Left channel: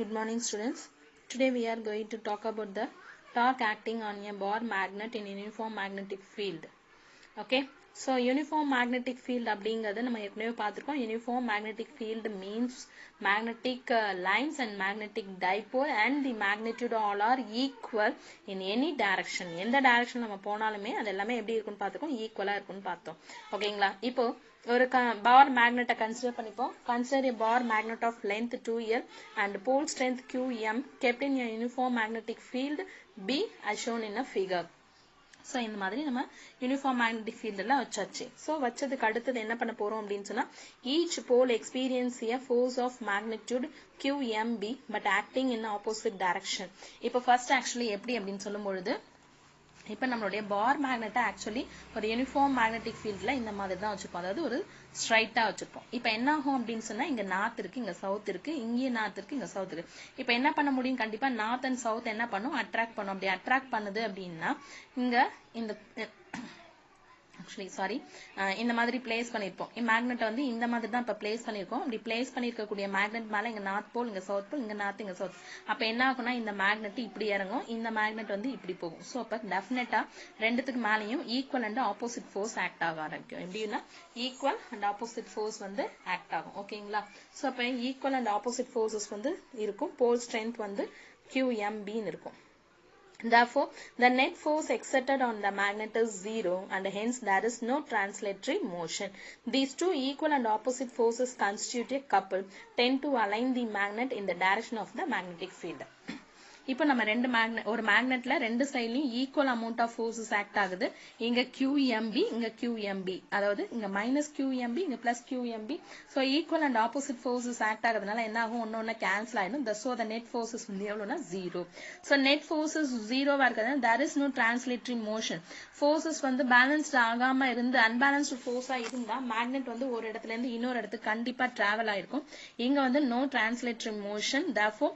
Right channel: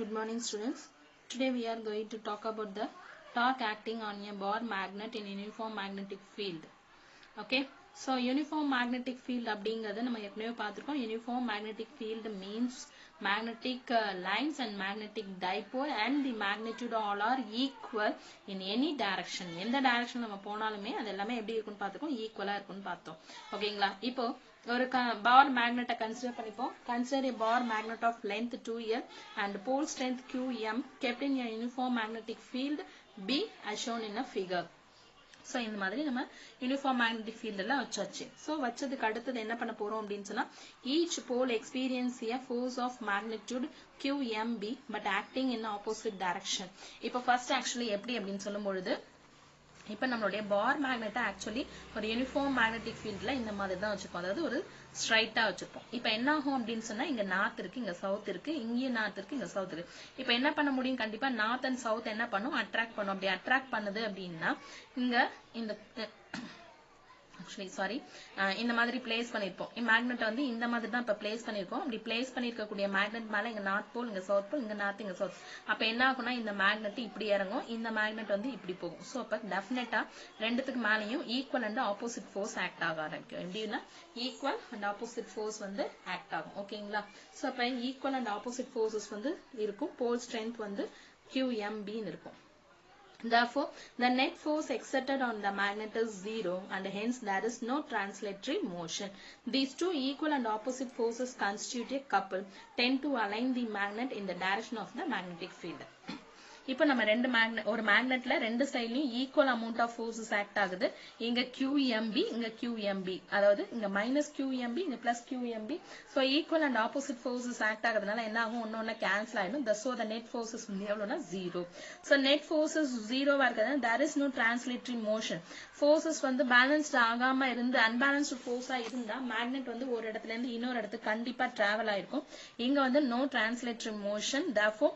Good morning, students. Today we are going to talk about the torque acting on a bar magnet in uniform magnetic field. Okay. So uniform magnetic field அப்படிங்கிறது நம்ம ஏற்கனவே பார்த்திருக்கோம். Uniform magnetic field means magnetic lines and magnetic dipole and the magnitude all are equal in any direction. எந்த direction நம்ம போனாலுமே அது எல்லாமே எப்படி இருக்குன்னு பார்த்துக்கோம், ஈக்குவலா இருக்குன்னு பார்த்தோம். ஓகேங்களா? இப்போ ஒரு bar magnet consider பண்ணிப்போம். Consider a bar magnet of length 2L and pole strength Qm kept in a uniform magnetic field B as shown in a figure. So இந்த மாதிரி நம்ம uniform magnetic field எல்லாம் வச்சாச்சு. So வச்சதுக்கு அடுத்தது என்ன பண்ண போறோம் அப்படின்னு சொன்னா, each pole experience a force of magnitude QMB but acting in opposite direction. இப்போ first actually எப்படி அப்படின்னு சொல்லும் பொழுது, இப்போ நம்மளுடைய பார் மேக்னெட்டை ஆக்சுவலி ஒரு யூனிஃபார்ம் மேக்னெட்டிக் ஃபீல்ட்ல இந்த மாதிரி தான் வச்சுப்போம், அதாவது ஒரு ஸ்ட்ரைட்டா வச்சுப்போம். இப்போ என்ன ஆகும் அப்படின்னு சொன்னா, இங்க நார்த் இருக்கு, இங்க சவுத் இருக்கு, இங்கேயும் நார்த் இருக்கு, இங்க சவுத் இருக்கு. இப்போ என்ன பண்ண முடியும், கண்டிப்பா நார்த் அண்ட் சவுத் என்ன பண்ணும், அட்ராக்ட் பண்ணும். அப்படி அட்ராக்ட் பண்ணுது அப்படின்னா இங்க இந்த இந்த மாதிரி பிளேஸ் பண்ணிருப்போம். மேக்னெட் வந்து இந்த மாதிரி தான் இப்ப பிளேஸ் பண்ணிருக்கோம். அப்படி பிளேஸ் பண்ணிருக்கக்கூடிய மேக்னெட் மேல இங்க நார்த் போல், இங்க சவுத் போல், இங்க நார்த், இங்க சவுத். அப்ப என்ன ஆகும்னா, இந்த மேக்னெட் இப்படி இறங்கும், இந்த மேக்னெட் வந்து இப்படி போகும். சோ அப்ப டெஃபினட்டா ரெண்டுத்துக்கு மேலயும் equal and opposite force act ஆக ஆரம்பிக்கும். எப்படின்னா ஈக்குவல் அண்ட் ஆப்போசிட் ஃபோர்ஸ் வந்து ஆக்ட் ஆகும். ஓகேங்களா? சோ அப்ப ஈக்குவல் அண்ட் ஆப்போசிட் ஃபோர்ஸஸ் வந்து இருக்கும். போல் ஸ்ட்ரென்த் வந்து QMB இருக்கும். Therefore, the net force exerted on the magnet is 0 and hence there is no translatory motion. These two equal and opposite forces constitute a couple, tend to align the magnet in the direction of the magnetic field. இப்போ நம்ம ஒரு மேக்னெட்ல ரெண்டு சைட்லயும் equal amount of forces act ஆகுது. இங்க QMB, இங்க QMB, அதாவது இங்க மைனஸ் QMB, இங்க plus QMB. So equal and opposite forces act ஆகுறதுனால என்ன ஆகும், ஒன்னொன்னு கேன்சல் ஆயிடும். ஸோ த நெட் ஃபோர்ஸஸ் வந்து எவ்வளவுனா 0. ஸோ நெட் ஃபோர்ஸஸ் 0வா இருக்கிறதுனால there is no translatory motion. Forces வந்து பேலன்ஸ்ட் ஆகாம இருந்து அன்பேலன்ஸ்டு ஃபோர்ஸா இருந்தா மேக்னெட் வந்து ஒரு இடத்துல இருந்து இன்னொரு இடத்துக்கு கண்டிப்பா டிராவல் ஆயிருக்கும். இங்க வந்து no translatory motion. Therefore,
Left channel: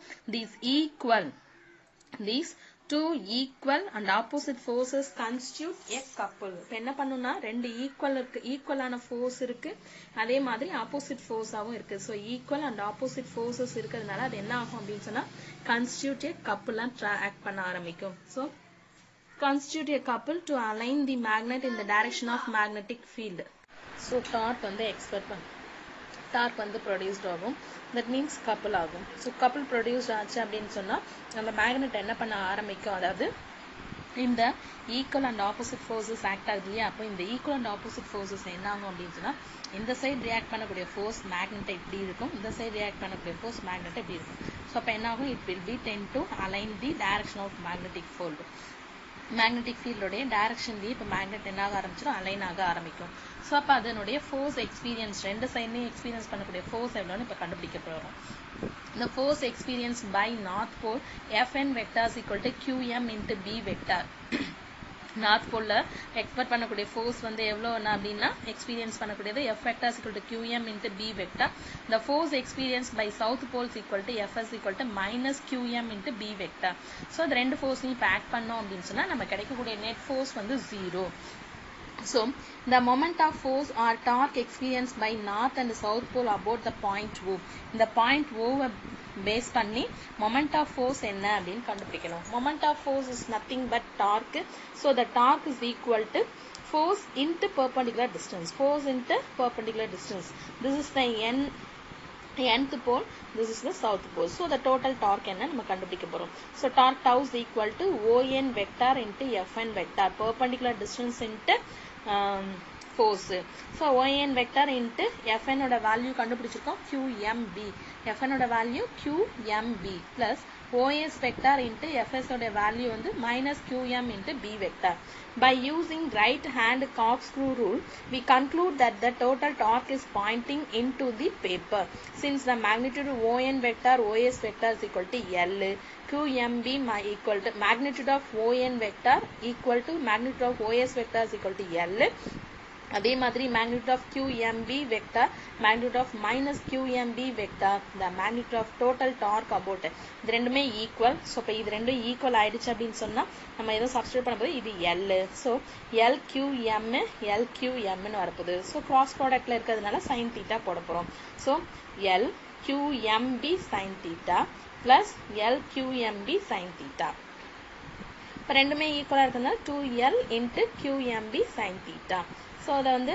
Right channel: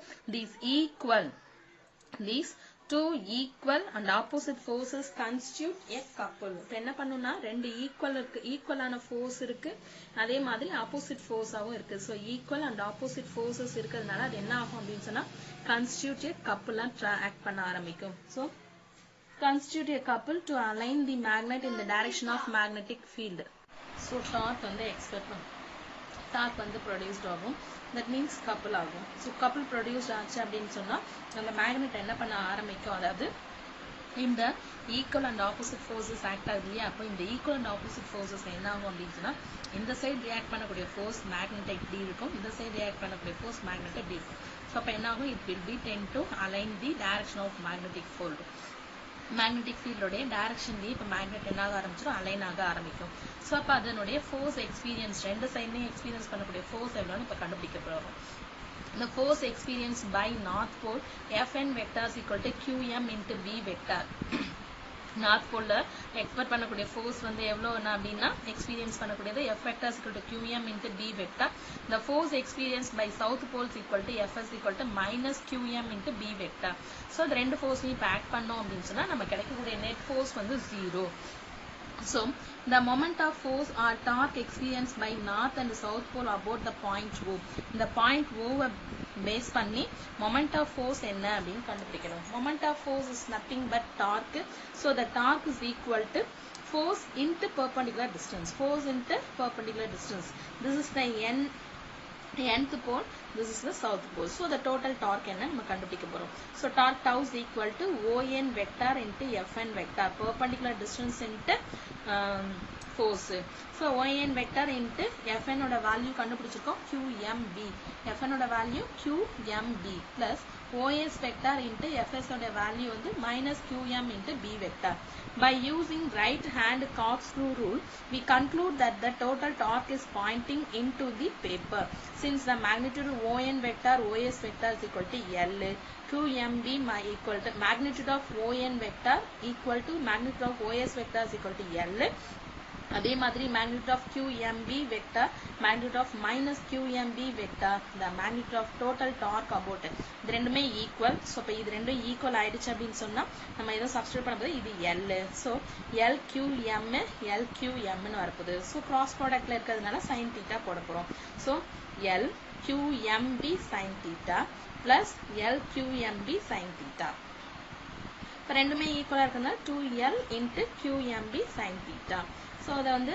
these two equal and opposite forces constitute a couple. இப்போ என்ன பண்ணுனா, ரெண்டு ஈக்குவலான ஃபோர்ஸ் இருக்கு, அதே மாதிரி ஆப்போசிட் ஃபோர்ஸாவும் இருக்கு. So equal and opposite forces இருக்கிறதுனால அது என்ன ஆகும் அப்படின்னு சொன்னா, constitute a couple ஆக்ட் பண்ண ஆரம்பிக்கும். So constitute a couple to align the magnet in the direction of magnetic field. So torque வந்து எக்ஸ்பெக்ட் பண்ணும், டார்க் வந்து ப்ரொடியூஸ்ட் ஆகும். தட் மீன்ஸ் கப்புள் ஆகும். ஸோ கப்புள் ப்ரொடியூஸ்ட் ஆச்சு அப்படின்னு சொன்னா அந்த மேக்னெட் என்ன பண்ண ஆரம்பிக்கும், அதாவது இந்த equal and opposite forces act ஆகுது இல்லையா? அப்போ இந்த ஈக்குவல் அண்ட் ஆப்போசிட் ஃபோர்ஸஸ் என்ன ஆகும் அப்படின்னு சொன்னா, இந்த சைடு ரியாக்ட் பண்ணக்கூடிய ஃபோர்ஸ் மேக்னெட் இப்படி இருக்கும், இந்த சைடு ரியாக்ட் பண்ணக்கூடிய ஃபோர்ஸ் மேக்னெட் இப்படி இருக்கும். ஸோ அப்போ என்ன ஆகும், it will be tend to align the direction of magnetic field. Magnetic ஃபீல்டோடைய டைரக்ஷன்லயே இப்போ மேக்னெட் என்ன ஆக ஆரம்பிச்சிடும், அலைன் ஆக ஆரம்பிக்கும். ஸோ அப்போ அதனுடைய ஃபோர்ஸ் எக்ஸ்பீரியன்ஸ், ரெண்டு சைட்லையும் எக்ஸ்பீரியன்ஸ் பண்ணக்கூடிய ஃபோர்ஸ் எவ்வளோன்னு இப்போ கண்டுபிடிக்க போகிறோம். The force experienced by north pole Fn vector is equal to Qm into B vector. North போல்ல எக்ஸ்பெக்ட் பண்ணக்கூடிய ஃபோர்ஸ் வந்து எவ்வளோனா அப்படின்னா, எக்ஸ்பீரியன்ஸ் பண்ணக்கூடியது F vector is equal to Qm into B vector. The force experienced by south pole is equal to Fs equal to minus Qm into B vector. So இந்த ரெண்டு ஃபோர்ஸையும் இப்போ act பண்ணோம் அப்படின்னு சொன்னா நம்ம கிடைக்கக்கூடிய நெட் ஃபோர்ஸ் வந்து 0. So the moment of force or torque experienced by north and south pole about the point O. இந்த point O பேஸ் பண்ணி moment of force என்ன அப்படின்னு கண்டுபிடிக்கணும். Moment of force is nothing but torque. So the torque is equal to force into perpendicular distance. Force into perpendicular distance. This is the nth pole, this is the south pole. So the total torque என்ன நம்ம கண்டுபிடிக்க போறோம். So torque tau is equal to ON vector into Fn vector. Perpendicular distance into force. So ON vector into Fn ஓட value கண்டுபிடிச்சிருக்கோம் QMB. Fn ஓட value QMB plus OS vector into Fs ஓட value வந்து minus QM into B vector. By using right hand corkscrew rule, we conclude that the total torque is pointing into the paper. Since the magnitude of ON vector OS vector is equal to L, QMB equal to magnitude of ON vector equal to magnitude of OS vector is equal to L. அதே மாதிரி magnitude of QMB vector, magnitude of minus QMB vector, the magnitude of total torque about இது ரெண்டுமே equal. So இப்போ இது ரெண்டும் equal ஆயிடுச்சு அப்படின்னு சொன்னா நம்ம எதை சப்ஸ்டிட்யூட் பண்ணும்போது இது L. ஸோ LQM LQMன்னு வரப்போகுது. ஸோ கிராஸ் ப்ராடக்ட்ல இருக்கிறதுனால sin θ போட போறோம். So LQMB sin θ plus LQMB sin theta. இப்போ ரெண்டுமே ஈக்குவலாக இருக்குன்னா 2L into QMB sin theta. So அதை வந்து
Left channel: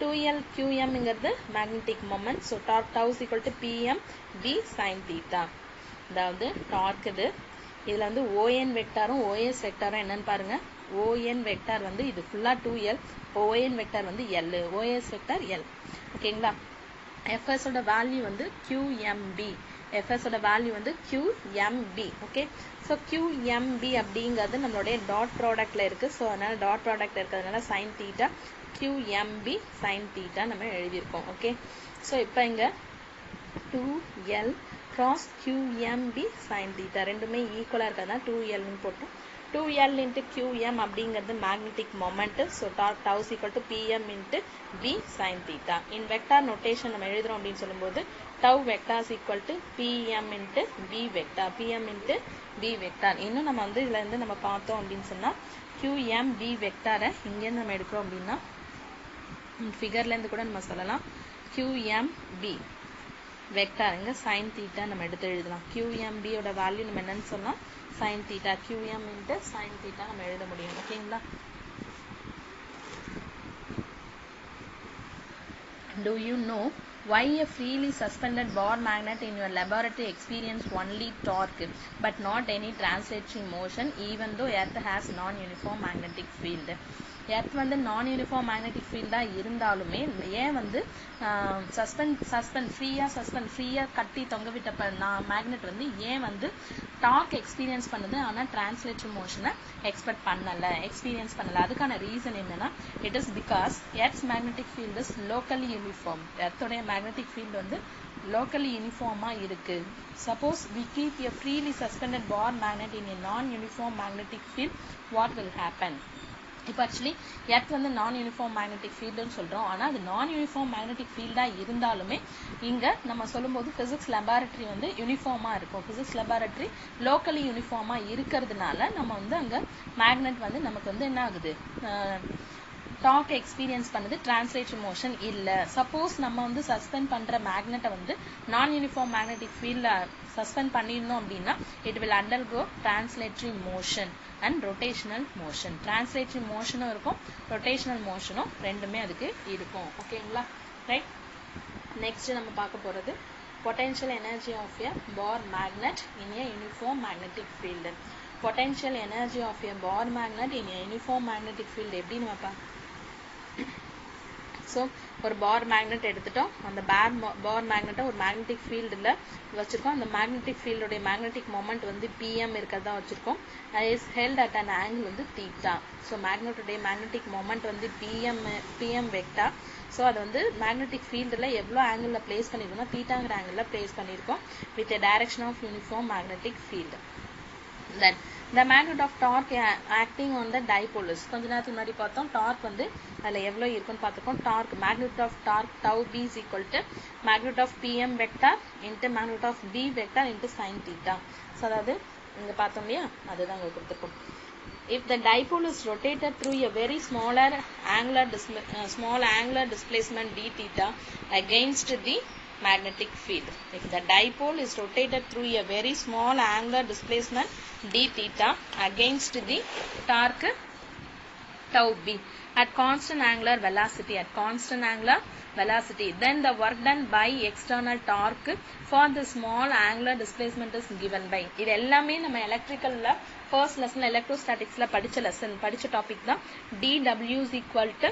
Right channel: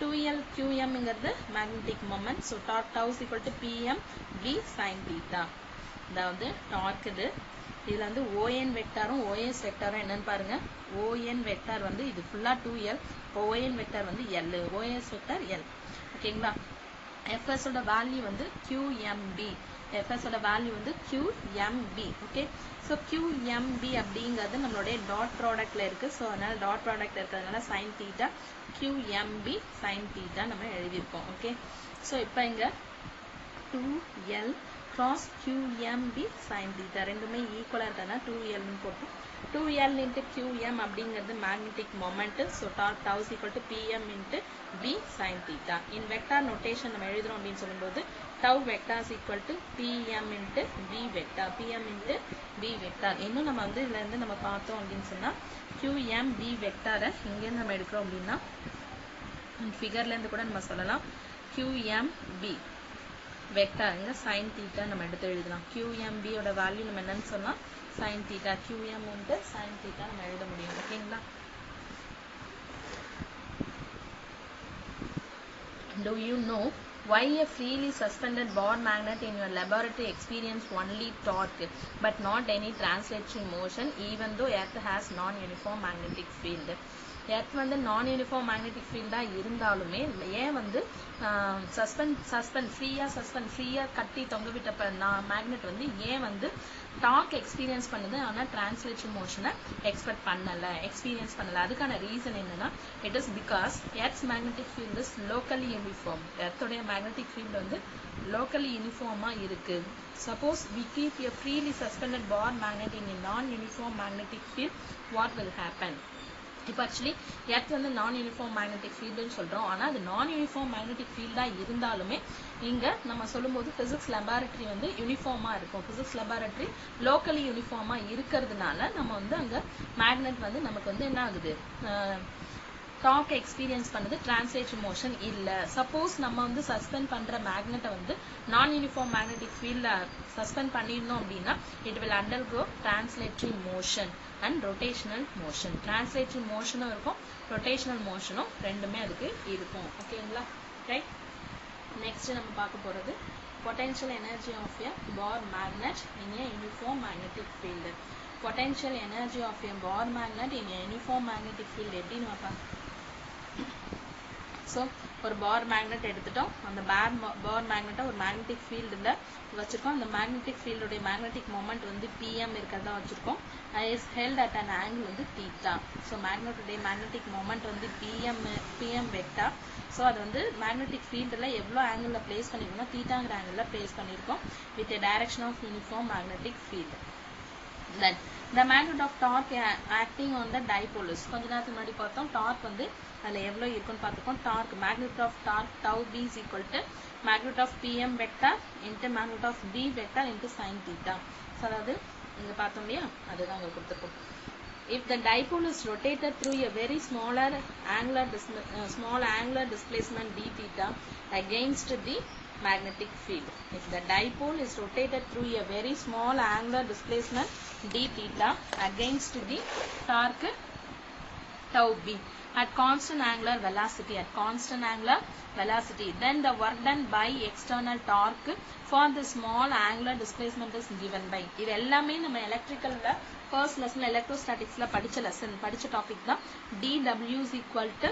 2L QMங்கிறது magnetic moment. So torque tau is equal to PMB sin theta. அதாவது டார்க் இது. இதில் வந்து ON வெக்டாரும் OS வெக்டாரும் என்னன்னு பாருங்க. ON வெக்டார் வந்து இது ஃபுல்லாக 2L. இப்போ ON வெக்டார் வந்து L. OS vector L. ஓகேங்களா? FS ஓட வேல்யூ வந்து QMB. FS ஓட வேல்யூ வந்து QMB. ஓகே. ஸோ QMB அப்படிங்கிறது நம்மளுடைய டாட் ப்ராடக்ட்ல இருக்கு. ஸோ அதனால டாட் ப்ராடக்ட் இருக்கிறதுனால sin theta QMB sin theta நம்ம எழுதியிருக்கோம். ஓகே. ஸோ இப்போ இங்க 2L cross QMB sin theta ரெண்டுமே ஈக்குவலாக இருக்கிறதுனால 2L போட்டோம். 2L into QM அப்படிங்கிறது magnetic moment. So torque tau is equal to PM into B sin theta. In vector notation நம்ம எழுதுறோம் அப்படின்னு சொல்லும்போது tau vector is equal to PM into B vector. PM into B vector. இன்னும் நம்ம வந்து இதுல இருந்து நம்ம பார்த்தோம் அப்படின்னு சொன்னா QMB வெக்டாரை இங்கே நம்ம எடுக்கிறோம் அப்படின்னா ஃபிகர்ல இருந்து கூட நம்ம சொல்லலாம் QMB வெக்டார் இங்க sin theta நம்ம எடுத்து எழுதலாம். QMB ஓட வேல்யூ நம்ம என்னன்னு சொல்லலாம் sin theta. QM into sin theta நம்ம எழுத முடியும். ஓகேங்களா? Do you know why a freely suspended bar magnet in your laboratory experience only torque but not any translating motion even though earth has non-uniform magnetic field? Earth வந்து நான் uniform magnetic ஃபீல்டாக இருந்தாலுமே ஏன் வந்து ஃப்ரீயாக கட்டி தொங்க விட்ட மேக்னெட் வந்து ஏன் வந்து டார்க் எக்ஸ்பீரியன்ஸ் பண்ணுது ஆனால் டிரான்ஸ்லேட்டர் மோஷனை எக்ஸ்பீரியன்ஸ் பண்ணல அதுக்கான ரீசன் என்னன்னா it is because earth's magnetic field is locally uniform. எர்த்தோடைய மேக்னெட்டிக் ஃபீல்டு வந்து locally uniform இருக்கு. Suppose we keep a freely suspended bar magnet in a non-uniform magnetic field, what will happen? இப்போ actually earth வந்து நான் uniform magnetic ஃபீல்டுன்னு சொல்றோம். ஆனால் அது நான் யூனிஃபார்ம் மேக்னெட்டிக் ஃபீல்டாக இருந்தாலுமே இங்க நம்ம சொல்லும்போது பிசிக்ஸ் லெபார்டரி வந்து யூனிஃபார்மா இருக்கும். பிசிக்ஸ் லெபார்டரி லோக்கலி யூனிஃபார்மா இருக்கிறதுனால நம்ம வந்து அங்க மேக்னெட் வந்து நமக்கு வந்து என்ன ஆகுது டார்க் எக்ஸ்பீரியன்ஸ் பண்ணது டிரான்ஸ்லேட்டர் மோஷன் இல்ல. சப்போஸ் நம்ம வந்து சஸ்பெண்ட் பண்ற மேக்னெட்டை வந்து நான் யூனிஃபார்ம் மேக்னெட்டிக் ஃபீல்ட்ல சஸ்பெண்ட் பண்ணிருந்தோம் அப்படின்னா it will undergo translatory motion and rotational motion. Translatory மோஷனும் இருக்கும், ரொட்டேஷனல் மோஷனும் ரெண்டுமே அதுக்கு இருக்கும். ஓகேங்களா? ரைட். நெக்ஸ்ட் நம்ம பார்க்க போறது potential energy of a bar magnet in a uniform magnetic field. Potential energy of a bar magnet in a uniform magnetic field எப்படின்னு பார்ப்போம். ஸோ ஒரு பார் மேக்னெட் எடுத்துட்டோம். அந்த பார் மேக்னெட்டை ஒரு மேக்னெட்டிக் ஃபீல்டில் வச்சுருக்கோம். அந்த மேக்னெட்டிக் ஃபீல்டுடைய மேக்னெட்டிக் மொமெண்ட் வந்து PM இருக்கிறதா வச்சுருக்கோம். Is held at an angle வந்து தீட்டா. ஸோ மேக்னெட்டுடைய மேக்னெட்டிக் மொமெண்ட் வந்து PM வெக்டார். ஸோ அது வந்து மேக்னெட்டிக் ஃபீல்டில் எவ்வளோ ஆங்கிளில் பிளேஸ் பண்ணியிருக்கோம்னா தீட்டாங்கிற ஆங்கிளில் பிளேஸ் பண்ணியிருக்கோம் with a direction of uniform magnetic field. Then the magnet of torque acting on the dipole is கொஞ்ச நேரத்துக்கு முன்னாடி பார்த்தோம் டார்க் வந்து அதில் எவ்வளோ இருக்குன்னு பார்த்துக்கோம். Torque magnet of torque tau B is equal to magnet of PM vector into magnet of B vector into sin theta. So அதாவது இங்கே பார்த்தோம் இல்லையா அதுதான் இங்கே கொடுத்துருக்கோம். If the dipole is rotated through a very small angular displacement d theta against the magnetic field. If the dipole is rotated through a very small angular displacement d theta against the torque tau B at constant angular velocity, then the work done by external torque for the small angular displacement is given by. இது எல்லாமே நம்ம எலக்ட்ரிக்கல்ல first lesson எலக்ட்ரோஸ்டாட்டிக்ஸ்ல படிச்ச topic தான். dW is equal to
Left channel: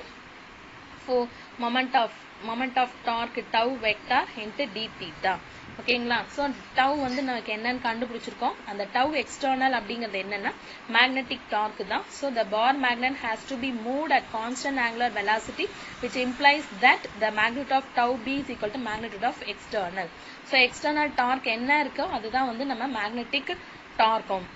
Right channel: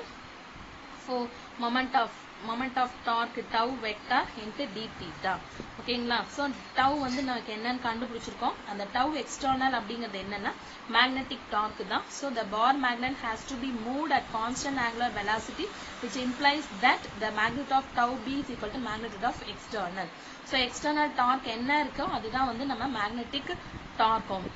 moment of torque tau vector into d theta. ஓகேங்களா? So tau வந்து நமக்கு என்னன்னு கண்டுபிடிச்சிருக்கோம். அந்த டவ் எக்ஸ்டர்னல் அப்படிங்கிறது என்னன்னா மேக்னெட்டிக் டார்க் தான். So the bar magnet has to be moved at constant angular velocity which implies that the magnet of tau B is equal to magnet of external. So external torque என்ன இருக்கோ அதுதான் வந்து நம்ம magnetic டார்க்கும்.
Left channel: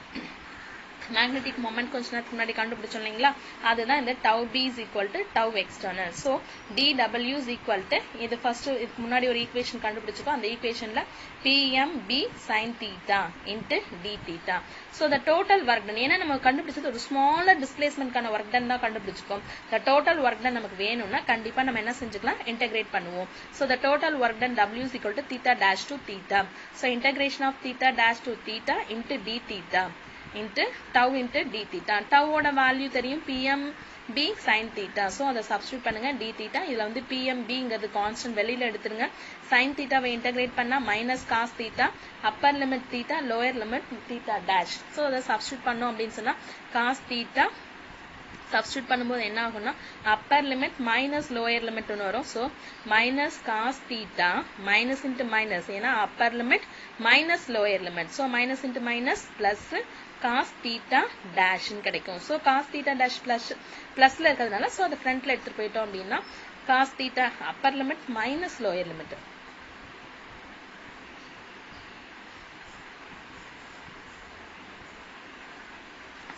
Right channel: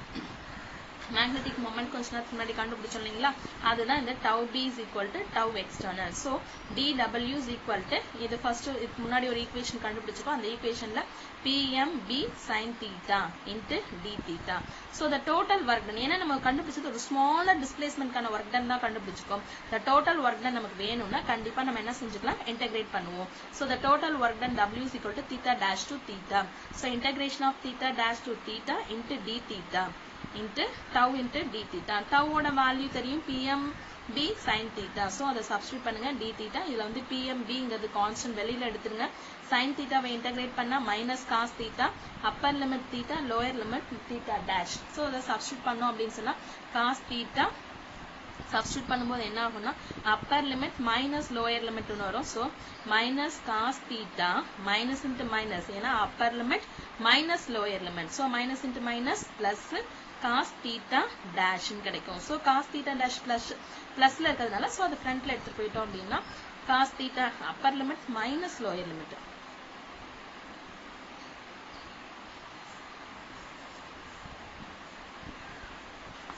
magnetic moment கொஞ்ச நேரத்துக்கு முன்னாடி கண்டுபிடிச்சோம் இல்லைங்களா, அதுதான் இந்த tau b is equal to tau external. So dw is equal to இது ஃபர்ஸ்ட் இதுக்கு முன்னாடி ஒரு ஈக்குவேஷன் கண்டுபிடிச்சிருக்கோம். அந்த ஈக்குவேஷன்ல pmb sin theta into d theta. So the total work done, ஏன்னா நம்ம கண்டுபிடிச்சது ஒரு smaller displacement கான work done தான் கண்டுபிடிச்சிருக்கோம். The total work done நமக்கு வேணும்னா கண்டிப்பா நம்ம என்ன செஞ்சுக்கலாம், integrate பண்ணுவோம். So the total work done w is equal to theta dash to theta. So integration of theta dash to theta into d theta into tau into d theta. Tau ஓட value தெரியும், pmb sin theta. So அதை substitute பண்ணுங்க d theta. இதுல வந்து pmb-ங்கிறது constant வெளியில எடுத்துருங்க. sin theta-வை integrate பண்ணா minus cos theta, upper limit theta, lower limit theta dash. So அதை சப்ஸ்டிட்யூட் பண்ணோம் அப்படின்னு சொன்னா cos theta சப்ஸ்டிட்யூட் பண்ணும்போது என்ன ஆகும்னா upper limit minus lower limit ன்னு வரும். So minus cos theta minus into minus, ஏன்னா upper limit minus lower limit. So minus into minus plus cos theta dash ன்னு கிடைக்கும். So cos theta dash plusல இருக்கிறதுனால so அது ஃப்ரண்ட்ல எடுத்துட்டு போயிட்டோம் அப்படின்னா cos theta upper limit minus lower limit.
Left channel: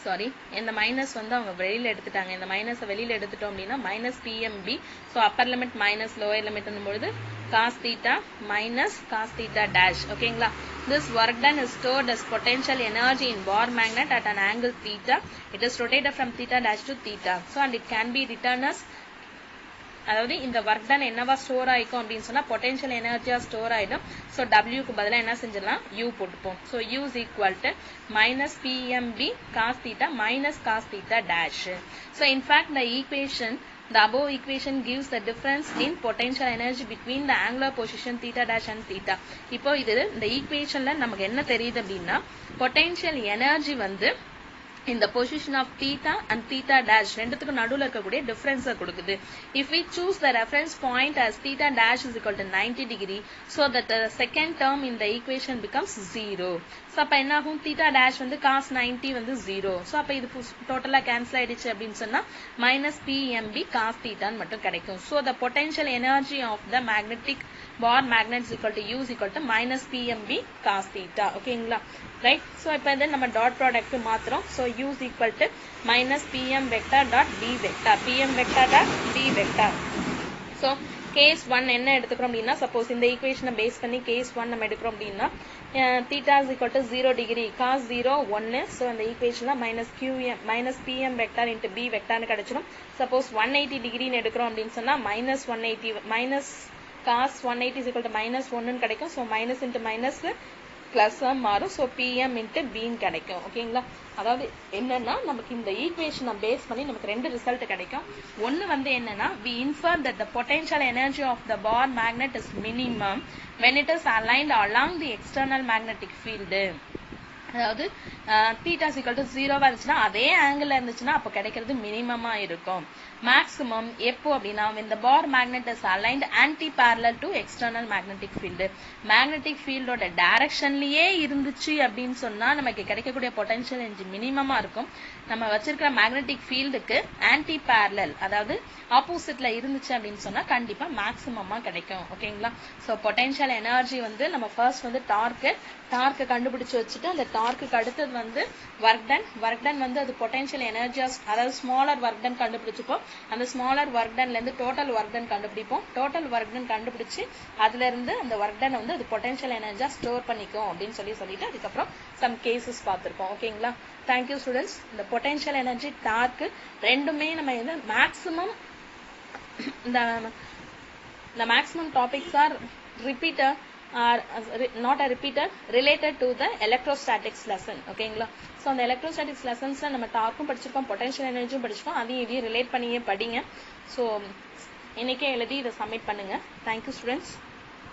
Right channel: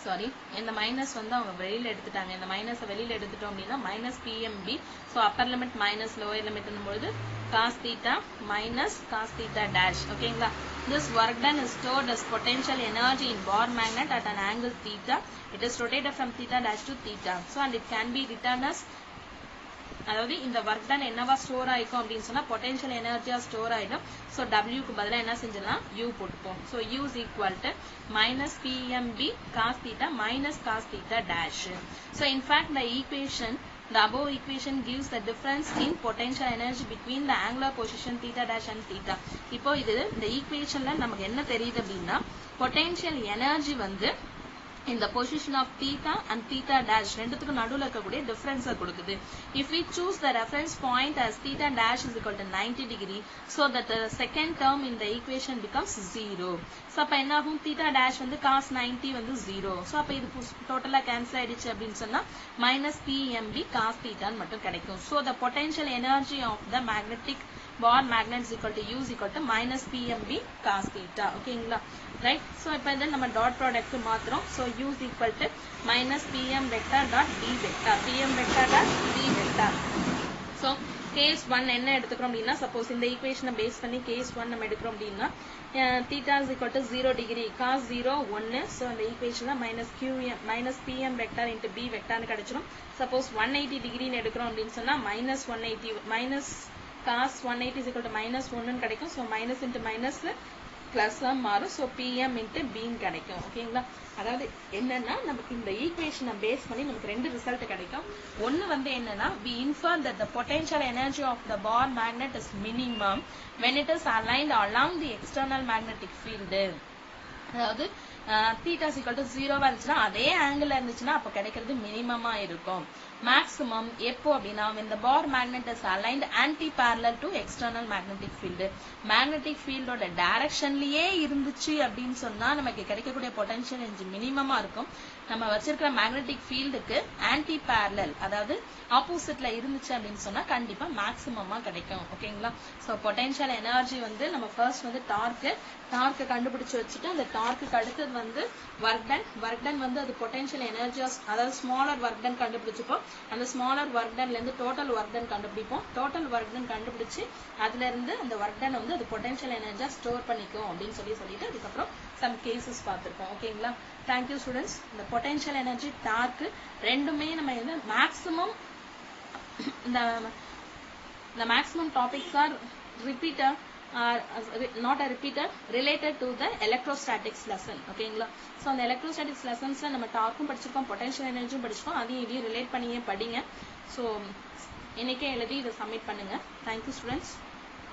Sorry, இந்த மைனஸ் வந்து அவங்க வெளியில எடுத்துட்டாங்க. இந்த மைனஸை வெளியில எடுத்துட்டோம் அப்படின்னா minus pmb. So upper limit minus lower லிமிட்னும் பொழுது cos theta minus cos theta dash. ஓகேங்களா, this work done is stored as potential energy in bar magnet at an angle theta. It is rotated from theta dash to theta. So and it can be written as, அதாவது இந்த work done என்னவா store ஆயிக்கும் அப்படின்னு சொன்னா potential எனர்ஜியா store ஆயிடும். So டபிள்யூக்கு பதிலா என்ன செஞ்சிடலாம், யூ போட்டுப்போம். So U is equal to minus PMB cos theta minus cos theta dash. So in fact the equation, the above equation gives the difference in potential energy between the angular position theta dash and theta. இப்போ இது இந்த ஈக்குவேஷன்ல நமக்கு என்ன தெரியுது அப்படின்னா potential energy வந்து இந்த position of theta and theta dash ரெண்டுத்துக்கு நடுவுல இருக்கக்கூடிய difference கொடுக்குது. If we choose the reference point as theta dash is equal to 90 degree, so that the second term in the equation becomes 0. So அப்ப என்ன ஆகும், theta dash வந்து cos 90 வந்து 0. So அப்ப இது டோட்டலா கேன்சல் ஆயிடுச்சு அப்படின்னு சொன்னா minus pmb cos theta மட்டும் கிடைக்கும். So the potential energy of the magnetic bar magnet is equal to u is equal to minus pmb cos theta. ஓகேங்களா, right? So இப்போ then நம்ம டாட் ப்ராடக்ட் மாத்துறோம். So u is equal to minus pm vector dot d vector, pm vector dot d vector. So case 1 என்ன எடுத்துக்கிறோம் அப்படின்னா, suppose இந்த ஈக்குவேஷனை base பண்ணி case 1 நம்ம எடுக்கிறோம் அப்படின்னா theta is equal to 0 degree, cos 0 1. So அந்த ஈக்குவேஷன்ல minus pm vector into b vector னு கிடைச்சிடும். சப்போஸ் 180 degree னு எடுக்கிறோம் அப்படின்னு சொன்னா minus 180 minus cos 180 is equal to minus 1 னு கிடைக்கும். So minus into minus plus மாறும். So pm into b னு கிடைக்கும். ஓகேங்களா, அதாவது என்னன்னா நமக்கு இந்த ஈக்குவேஷனை பேஸ் பண்ணி நமக்கு ரெண்டு ரிசல்ட் கிடைக்கும். ஒன்னு வந்து என்னன்னா we infer that the potential energy of the bar magnet is minimum when it is aligned along the external magnetic field. அதாவது theta is equal to 0 இருந்துச்சுன்னா அதே ஆங்கிள் இருந்துச்சுன்னா அப்போ கிடைக்கிறது மினிமமா இருக்கும். மேக்ஸிமம் எப்போ அப்படின்னா when the bar magnet is aligned anti-parallel to external magnetic field. magnetic field ஓட டைரக்ஷன்லயே இருந்துச்சு அப்படின்னு சொன்னா நமக்கு கிடைக்கக்கூடிய பொட்டன்ஷியல் எனர்ஜி மினிமமா இருக்கும். நம்ம வச்சிருக்கிற மேக்னெட்டிக் ஃபீல்டுக்கு ஆன்டி பேரலல், அதாவது ஆப்போசிட்ல இருந்துச்சு அப்படின்னு சொன்னா கண்டிப்பா மேக்ஸிமமா கிடைக்கும். ஓகேங்களா, ஸோ பொட்டன்ஷியல் எனர்ஜி வந்து நம்ம ஃபர்ஸ்ட் வந்து டார்க்கு கண்டுபிடிச்சு வச்சுட்டு அந்த டார்க்கு அடுத்தது வந்து ஒர்க் டன் வந்து அது பொட்டன்ஷியல் எனர்ஜியா, அதாவது ஸ்மாலர் ஒர்க் டன் கண்டுபிடிச்சுப்போம். அந்த ஸ்மாலர் ஒர்க் டன்ல இருந்து டோட்டல் ஒர்க் டன் கண்டுபிடிப்போம். டோட்டல் ஒர்க் டன் கண்டுபிடிச்சு அதுல இருந்து அந்த ஒர்க் டன் வந்து அது பொட்டன்ஷியல் எனர்ஜியா ஸ்டோர் பண்ணிக்கும் அப்படின்னு சொல்லிட்டு அதுக்கப்புறம் சம் கேசஸ் பார்த்திருக்கோம். ஓகேங்களா, தேங்க்யூ ஸ்டூடெண்ட்ஸ். இந்த பொட்டன்ஷியல் எனர்ஜி டார்க்கு ரெண்டுமே நம்ம வந்து maximum the maximum topics are repeater or not a repeater related to the electrostatics lesson. ஓகேங்களா, ஸோ அந்த எலக்ட்ரோஸ்டாட்டிக்ஸ் லெசன்ஸ்ல நம்ம டார்க்கும் படிச்சிருக்கோம், பொட்டன்ஷியல் எனர்ஜியும் படிச்சிருக்கோம். அதையும் இதையும் ரிலேட் பண்ணியே படிங்க. ஸோ இன்னைக்கே எழுதி இதை சப்மிட் பண்ணுங்க. Thank you students.